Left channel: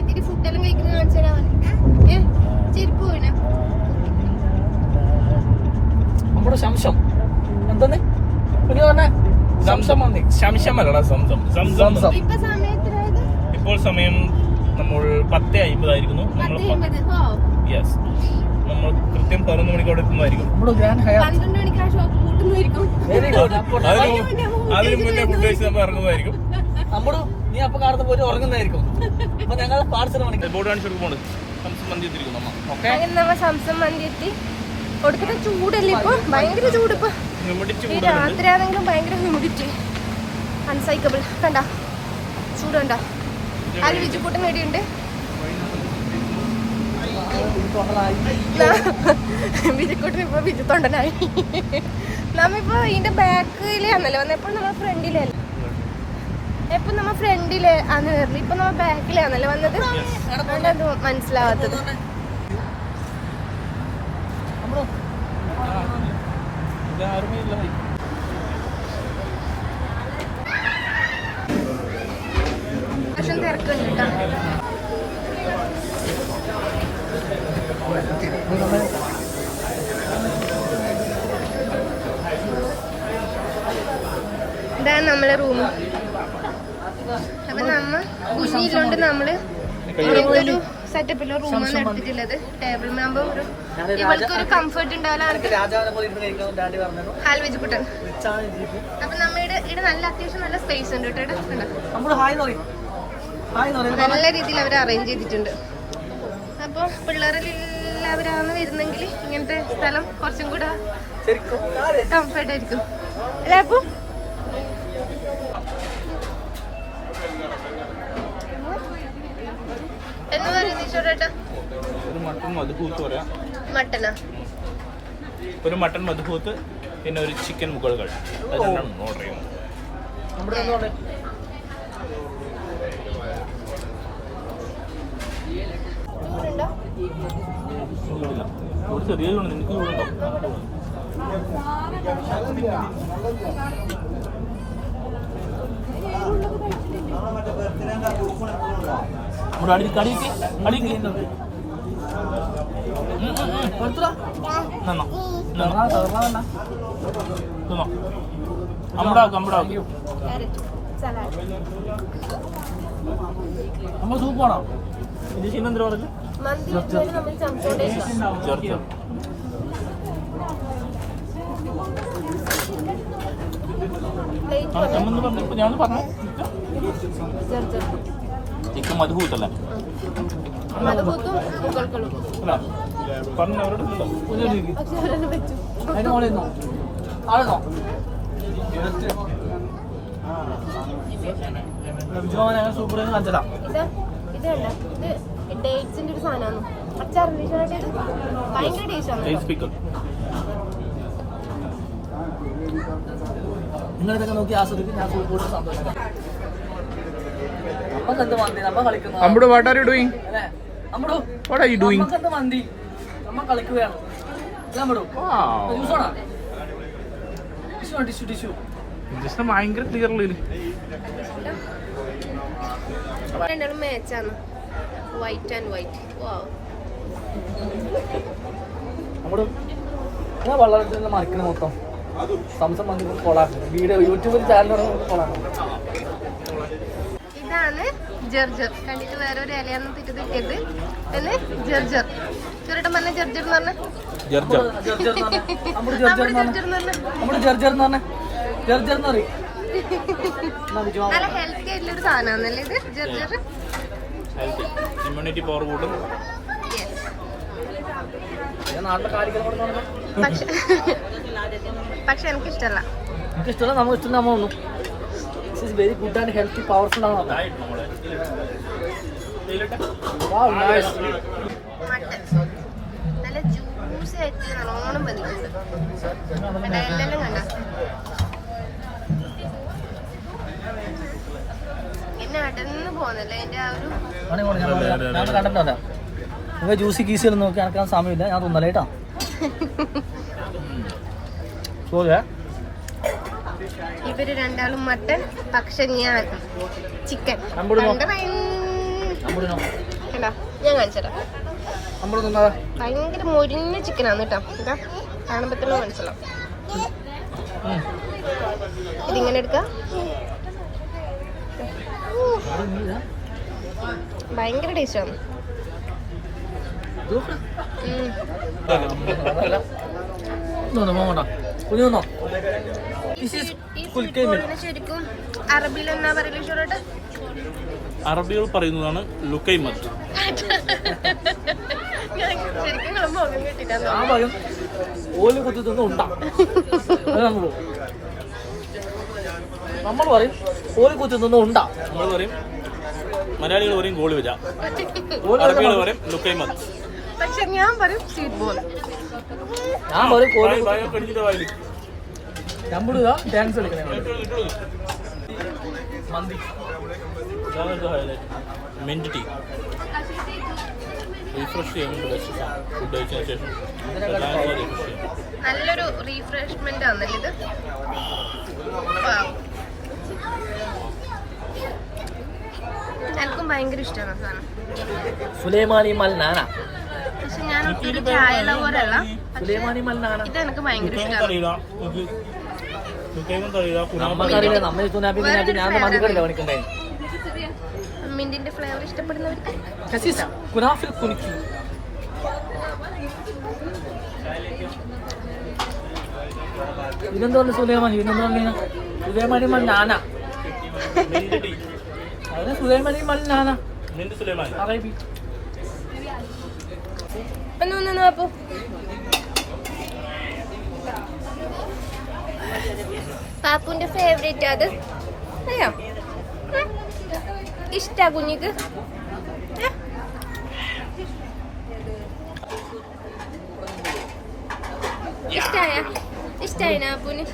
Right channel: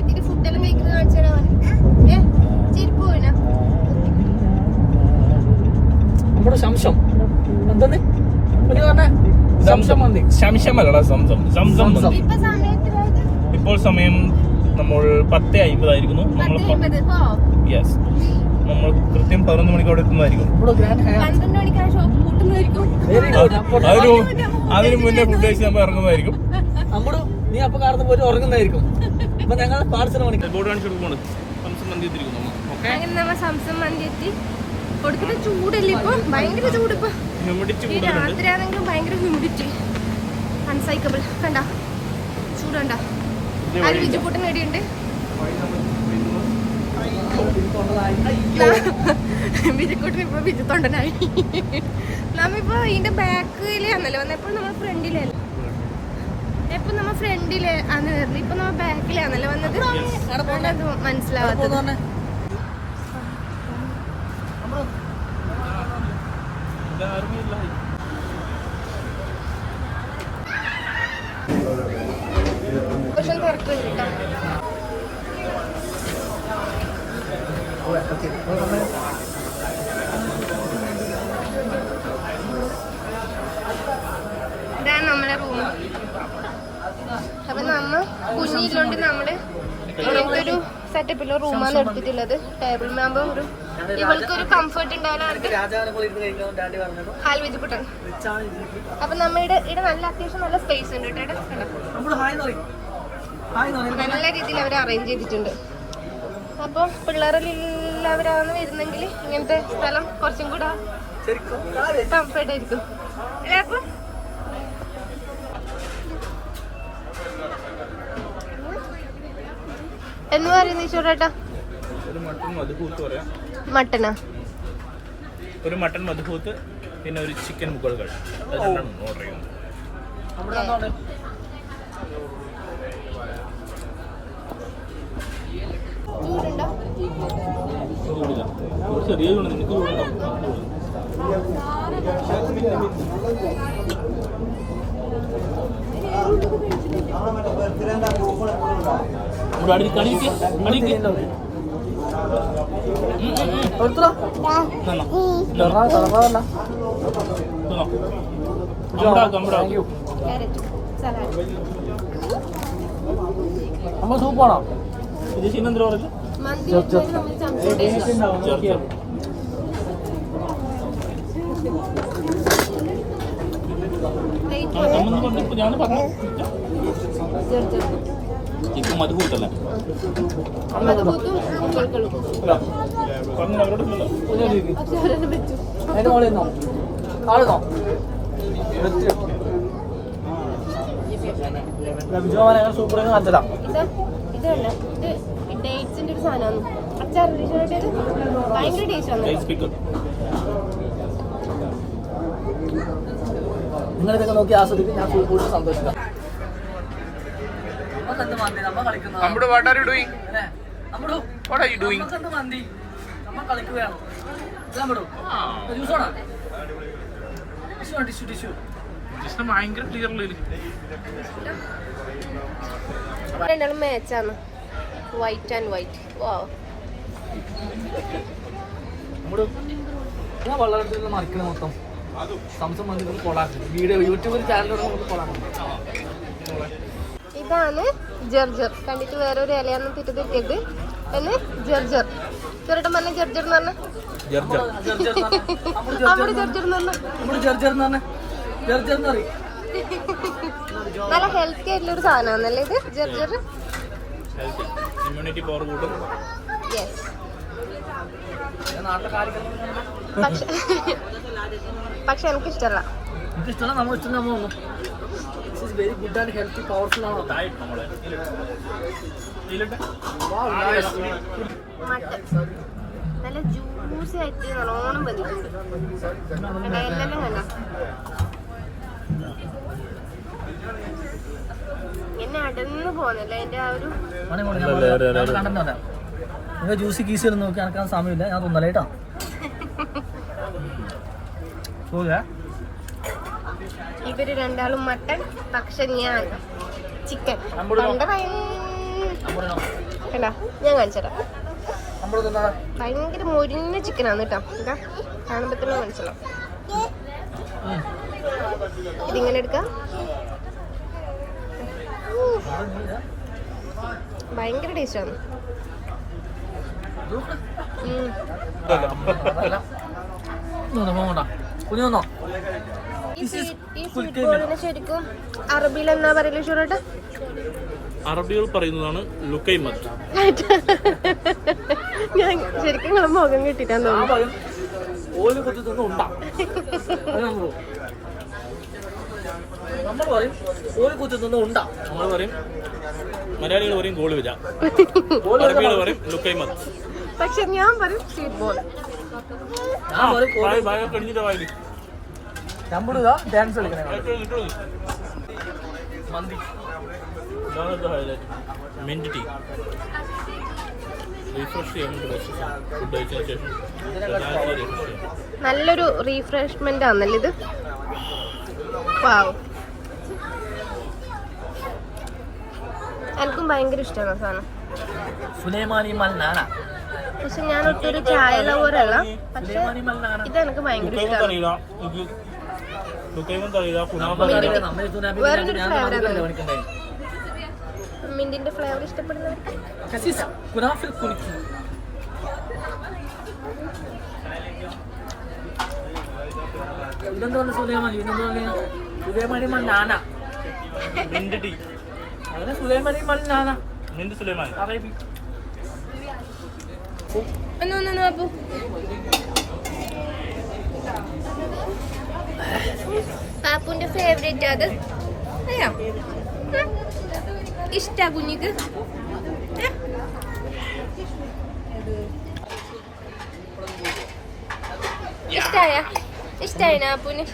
ഇതിന്റെ ഫുഡെല്ലാം കഴിക്കുന്നത് കാണിച്ചു തരാൻ ഏ ചെരുപ്പ് വീണ നമ്മുടെ ശംശം എന്താണ് ഇപ്പോൾ സമയം നമ്മൾ പത്ത് അയിമ്പതായിരിക്കുന്നു. യെസ് നമ്മൾ കൃത്യം പതിനൊന്ന് മണിക്ക് അവിടെ എത്തുന്നതായിരിക്കും അതിന് അതിന് മുന്നേ കഴിച്ച് നമ്മൾ ഇറങ്ങുന്നതായിരിക്കും. നമ്മുടെ നീ അപ്പൊ കാണുന്ന പോയി ഉറങ്ങുന്നതായിരിക്കും. അപ്പൊ ഞങ്ങൾ പാർസൽ മണിക്ക് ബോർഡ് കാണിച്ചു കൊടുക്കുമ്പോൾ സംസം മന്തി എത്തിയിരിക്കുന്നു അമ്മ. ഓക്കെ അങ്ങനെ നമ്മ സംസം മന്തി എത്തി. കൊടുക്കുന്ന ചൂടല്ലേ ഇപ്പൊ? ഭയങ്കര ചൂട് ഇപ്പൊ. ഹ്യൂമിഡിറ്റി ഈ കൂടുതലുണ്ട് രാത്രി ആണെങ്കിലും ഭയങ്കര ഹ്യൂമിഡിറ്റി അൺസൈക്കബിൾ കണ്ട? ചൂട് കണ്ട? അതിൽ വിജുക്കൂട്ടൻ ഇടിയുണ്ട് വിജുക്കൂട്ടൻ ഇപ്പൊ വിജു തൊണ്ടനായി നമ്മിപ്പോ ഇതിന്റെ എപ്പോഴും നമ്മൾ ഫ്രണ്ടിലല്ലേ എപ്പൊ നമ്മ ഫ്രണ്ടിൽ ആണ് വരൽ ഇപ്പൊ നമ്മ ബാക്കിലാണല്ലോ വന്നത്? അതുകൊണ്ടത് മനസ്സിലാവാത്തത്. പക്ഷെ തിരക്കുണ്ട് കേട്ടോ. ഇതാണ് നമ്മളെ റൂം അപ്പൊ നമ്മ നമ്മൾ ഇങ്ങനത്തെ ഒരു സെറ്റപ്പിൽ റൂമാണ് എടുത്തിട്ടുള്ളത്. ടേബിൾ മാമ്പ് ഒരു ഇവൾക്ക് ഒരു കംഫർട്ട് ഉണ്ടാവില്ല ജീപ്പ് അപ്പൊ നമ്മുടെ ഇവിടെ നല്ല അത്യാവശ്യം നല്ല സ്പേസ് ഉണ്ട് കേട്ടോ നല്ല രീതിയിൽ അവർ അറേഞ്ച് ചെയ്തിട്ടുണ്ട്. അപ്പൊ പിള്ളേരെല്ലാവരാണ് വരുന്നെങ്കിൽ ഇങ്ങനത്തെ സ്ഥലം കുറച്ചും കൂടെ കംഫർട്ട് ആയിരിക്കും. എല്ലാവർക്കും എന്ന് പറയുന്നത് ഈശ്വരേട്ടാ ഒരു മട്ടൻ മധുഭൂത്ത് പറയാം. മട്ടനാ? ഒരു മട്ടൺ പിന്നെ ഒരു ചിക്കൻ മുകളുകൾ ഓർഡർ ചെയ്യുന്നത് ചൂടുണ്ടോ? ചൂടില്ല. ഒരു ചെറിയ നിനക്ക് ചൂടുണ്ടോ? ഉം, അടിക്ക് അടിക്ക് സലാഡ് നമ്മൾ സൂപ്പാണോ ഇത് ചെയ്യുന്ന പറഞ്ഞു ഞാൻ പറഞ്ഞു ചെറു മധു പറഞ്ഞു അവരോടല്ലോ സൂപ്പർ കാണിച്ചതാ. ഇത് ഇത് ഡേറ്റ്സിന്റെ ഒരു സാധനമാണ്. അച്ചാർ ഭയങ്കര ടേസ്റ്റ് പിക്കൽ നിങ്ങളിതൊക്കെ നോക്കി ആസ്വദിക്കും? ഞാൻ കൂടുതൽ സന്തോഷം മന്തി നമ്മ നമ്മുടെ വാട്ട് ആർ യു ഡൂയിങ് നമ്മുടെ വാട്ട് ആർ യു ഡൂയിങ് നമുക്കെന്ത് മന്തി? നമ്മ കളിക്കുകയാണ്. നമ്മുടെ ജ്യൂസാണോ ടിഷ്യൂ ടിഷ്യൂ ടിഷ്യൂ ജസ്റ്റ് ഭയങ്കര ക്ലിയർലി രണ്ടാളും മാച്ചാണ് വൈറ്റ് ആൻഡ് വൈറ്റ് വാ വളരെ മറക്കുന്ന മൊത്തം സംസം മന്തി കൊള്ളാം. വീഡിയോ യൂട്യൂബിൽ ചാനൽ കൊള്ളാം. ഇതാണ് ജർജർ. കണ്ടിട്ട് വേറെ ഒരു ഇലയൊന്നും തിരുതിക്കരുത് എന്ന് ജർജർ. ചെറുട്ടം പറഞ്ഞ ജർജർ എന്ന് പറഞ്ഞ? ജർജർ. നമ്മുടെ അവിടെ ജർജർ എന്ന് പറഞ്ഞ? നമ്മുടെ ജർജർ എന്ന് പറഞ്ഞ? ജർജർ എന്ന് പറയും. നല്ല ഹെൽത്തി ആയിട്ടുള്ള ഒരു സാധനമാണല്ലേ ഇത്? ജർജർ? ഹെൽത്തി ഇമ്മ്യൂണിറ്റി പവർ കൂട്ടും യെസ് പക്ഷെ എനിക്ക് ഇഷ്ടമല്ല നമുക്ക് ഇഷ്ടമല്ല നമ്മൾ ഇഷ്ടം നമ്മൾ this is very good and healthy powerful ആണ്. നല്ല ജ്യൂസി ആയിട്ട് നല്ലോണം ബന്ധിക്കുന്നുണ്ട് കണ്ട എല്ലാം കണ്ട എന്നെ അടന്ന് പോന്നല്ലേ എന്റെ ആ ഒരു നമുക്ക് ജ്യൂസി നോക്കി നടക്കാൻ സമയമില്ല. ഞാൻ തോന്നലേട്ടാ സോറിയാ ഇവർ രണ്ടാളും മട്ടൺ പക്ഷെ ഞാൻ ചിക്കൻ കണ്ടോ? ഞാൻ നമ്മളൊന്നും ഭയങ്കര മുരിഞ്ഞ ചിക്കനാണ് കേട്ടോ. ഇതാ കാണുമ്പോ തന്നെ മനസ്സിലാവും ഇതിങ്ങനെ എടുക്കാം. ഭയങ്കര ടേസ്റ്റാണ് കുഞ്ഞു ശരിക്കും അറബിയിൽ എന്നാ പറയുന്നത് അറബികൾ പറയുന്നതാണ് ലുക്കൈമത്ത്. ഞാൻ ശരിക്കും നിങ്ങളെ മുഖം പറയും ഓൽ കുത്തി തിന്ന് ഉണ്ടാ. നമ്മൾ നമ്മൾ പറയും ഓൽ കുത്തി തിന്ന് ഉണ്ടാ. നമ്മൾ പറയും മലയാളികൾ പറയും ഗോളി വജ അറബികൾ പറയും ലുക്കൈമത്ത്. പക്ഷെ ഞാൻ പറയും സീറ്റ് ബോൾ ഞാൻ പറയും നമ്മളിതാ ഡാൻസ് കളിക്കണേ മന്തി. Mint tea. റീഫ്രഷ് ചെയ്യാൻ ബെസ്റ്റ് ഫുഡ് കഴിച്ചതിന് ശേഷം റിലാക്സ് ചെയ്യാം. നല്ലൊരു റീഫ്രഷ്മെന്റ് ആണല്ലേ ഇത്. എനിക്കും ഭയങ്കര ഇഷ്ടമാണ് സാധനം. സുലൈമാനി മൽനാന പക്ഷെ ഞാൻ ഒട്ടൊരു ചായ ലവറല്ല പക്ഷെ ഇത് എനിക്ക് ഭയങ്കര ഇഷ്ടമാണ്. മിന്റിന്റെ ഫ്ലേവർ ഇഷ്ടപ്പെടുന്നവർക്ക് കുനാഫിൽ കുനിക്കി ഇതെന്താണ് സുലൈമാനി ഇതെന്താണ് സുലൈമാനി മൽ നാന. അവനെ സുലൈമാനി മൽ നാന. അറബി ഒന്ന് ഒന്ന് ഒന്ന് പാപ്പുന്റെ ഫേവറേറ്റ് അത്? അറിയാം. ഇഷ്ട കുഞ്ഞിക്ക്. ഇഷ്ടായ? ഇഷ്ടായ പാപ്പുന്?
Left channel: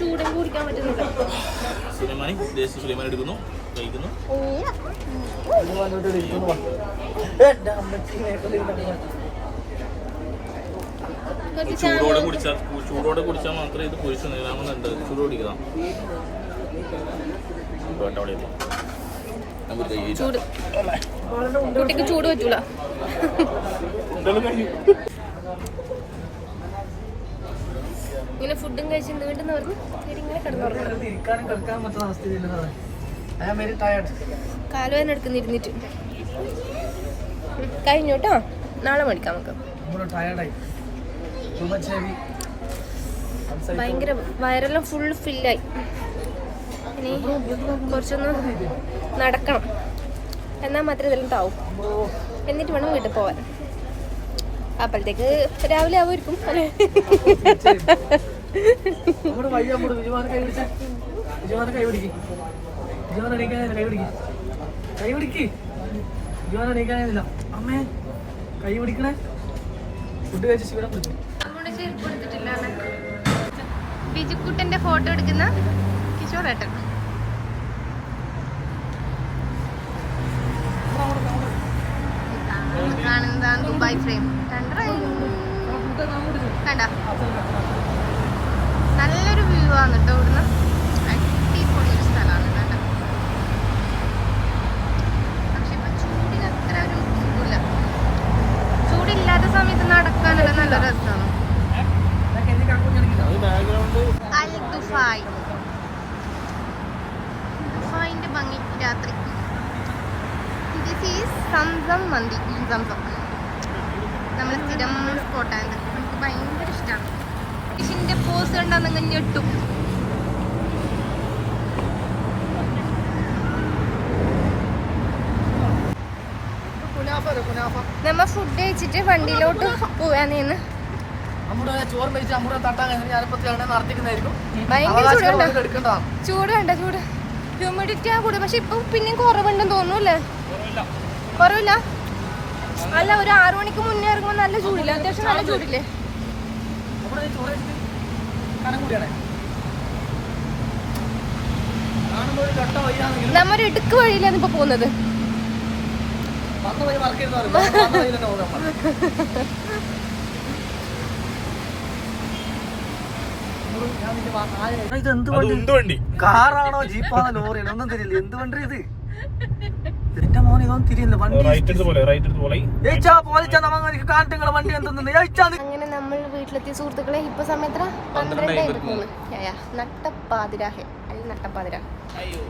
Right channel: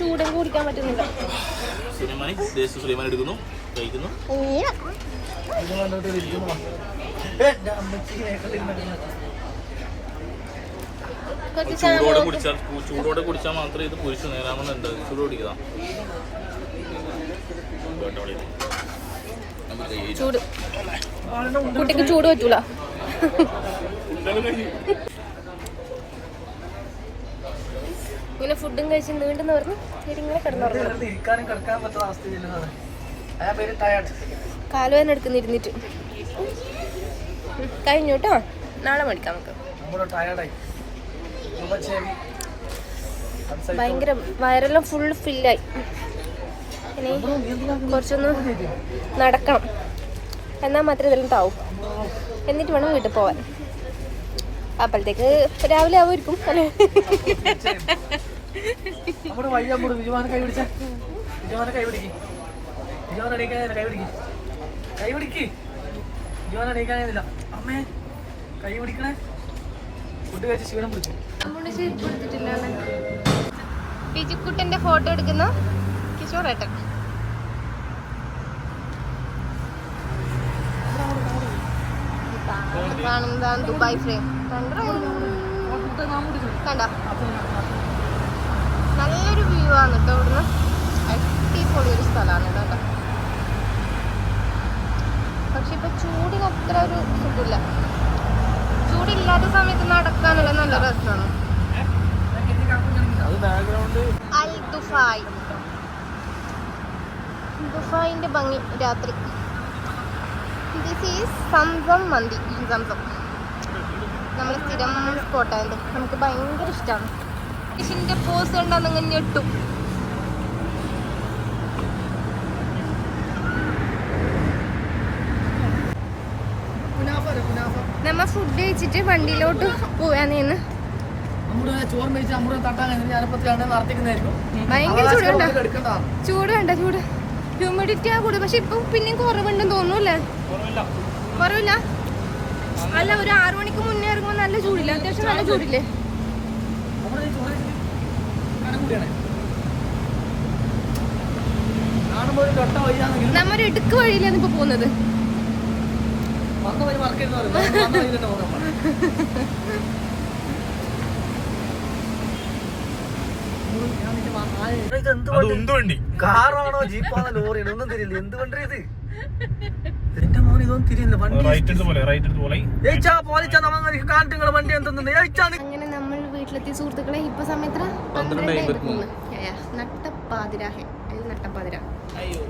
ചൂടും കുടിക്കാൻ പറ്റുന്നില്ല കഴിക്കുന്നു ചൂടോടെ കുടിച്ചാൽ ചൂടോടെ കുടിച്ചാൽ മാത്രമേ ഇത് പുരുഷ നേരാമെന്നുണ്ട് ചൂട് കുടിക്കാം ചൂട്. കുട്ടിക്ക് ചൂട് പറ്റൂല. ഇങ്ങനെ ഫുഡും കഴിച്ച് നീണ്ടെന്ന് പറഞ്ഞു ഇങ്ങനെ കിടന്നുറങ്ങണം കാലുവേദന എടുക്കുന്ന ഇരുന്നിട്ട്. കഴിഞ്ഞു കേട്ടോ. നാളെ മേടിക്കാം നമുക്ക്. ഭയങ്കര വയറെല്ലാം ഫുൾ ഫില്ലായി ഇനി കുറച്ചൊന്ന് നടക്കണം. എന്നാൽ മാത്രമേ ഇതെല്ലാം താവും. എന്നിട്ട് വേണം വീട്ടിൽ പോവാൻ. അപ്പോഴത്തേക്ക് രാവിലെ ആവുമായിരിക്കും അല്ലേ? നമ്മുടെ വിജുവാനെ കൈ പിടിച്ച. വിജുവാനെ കൈ പിടിക്ക്. വിജുവാനെ എണീക്കാനില്ല കൈ പിടിക്ക്. കൈ പിടിക്ക്. വിജുവാനെ എണീക്കാനില്ല അമ്മേ കൈ പിടിക്കണേ. ഫുഡ് കഴിച്ച് ക്ഷീണം പിടിച്ചു ബിജുക്കുട്ടന്റെ ഫോട്ടോ എടുക്കുന്ന കിഷോർ ഏട്ടൻ കാണുന്നതാണ് ദുബായ് ഫ്രെയിം. കണ്ട? നല്ലൊരു വ്യൂ ആണ് കേട്ടോ ഇവിടുന്ന്. അടിപൊളി ഒരു സ്ഥലമാണ് കേട്ടോ പക്ഷെ ഇപ്പൊ ചൂടിന് അത്ര ഒരു സുഖമില്ല. ചൂടില്ലാത്ത സമയത്ത് നടക്കാനുള്ള നല്ല രസമാണ് അൽ ദുഫായ്. ദുഫായിന്റെ ഭംഗി രാത്രി. This is Zamzam mandi. Zamzam. നമ്മളെ സ്ഥിരം സ്പോട്ടായത് നമുക്ക് ഭയങ്കര ഇഷ്ടമാണ് ഇതിന്റെ പോസ് കണ്ടാൽ നിങ്ങൾ ഞെട്ടും. നമ്മ ഫുഡ് കഴിച്ചിട്ട് വണ്ടിയിലോട്ട് പോവാനേന്ന് ചൂടുണ്ട്. ചൂട് ഹ്യൂമിഡിറ്റി ആ കൂടെ പക്ഷെ ഇപ്പൊ പിന്നെയും കുറവുണ്ടെന്ന് തോന്നുന്നു കുറവില്ല. കുറവില്ല? അല്ല ഒരു ആറു മണിക്ക് മുന്നേ ഇറങ്ങുമ്പോ നല്ല ചൂടില്ല? അത്യാവശ്യം നല്ല ചൂടില്ലേ? നമ്മൊരു ഇടുക്ക് വഴിയിലാണ് ഇപ്പൊ പോകുന്നത്. വന്ന വഴി മറക്കരുത് പറയും വന്ന വഴി തന്നെ പോകാൻ പറയും ഞാൻ നിന്റെ വാ- ആരെ- ഇത് എന്ത് വണ്ടി? കാറാണോ ജീപ്പാണോ ലോറിയാണോ ഒന്നും തിരിയില്ല. എന്ത് വണ്ടി ഇത്? എന്റെ മോൻ ഇതൊന്നും തിരിയില്ല. വണ്ടി റൈറ്റ് എടുത്ത് പോലെ റൈറ്റ് എടുത്ത് പോലെ. ഏച്ചാ പോലിച്ചാ നമുക്ക് കാട്ടുകളെ വണ്ടി എന്തെന്ന് ഏച്ചാ അങ്ങനെ നമ്മൾ വീട്ടിലെത്തിയ സുഹൃത്തുക്കളെ ഇപ്പൊ സമയത്ര? പന്ത്രണ്ട് നട്ടപ്പാതിരാഹെ അല്ല നട്ടപ്പാതിര അയ്യോ.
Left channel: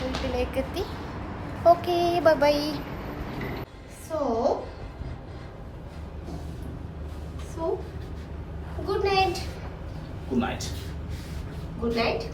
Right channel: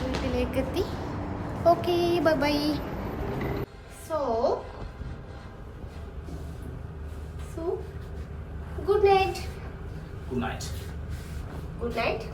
വീട്ടിലേക്ക് എത്തി Okay, bye-bye. So, so, good night. Good night. Good night.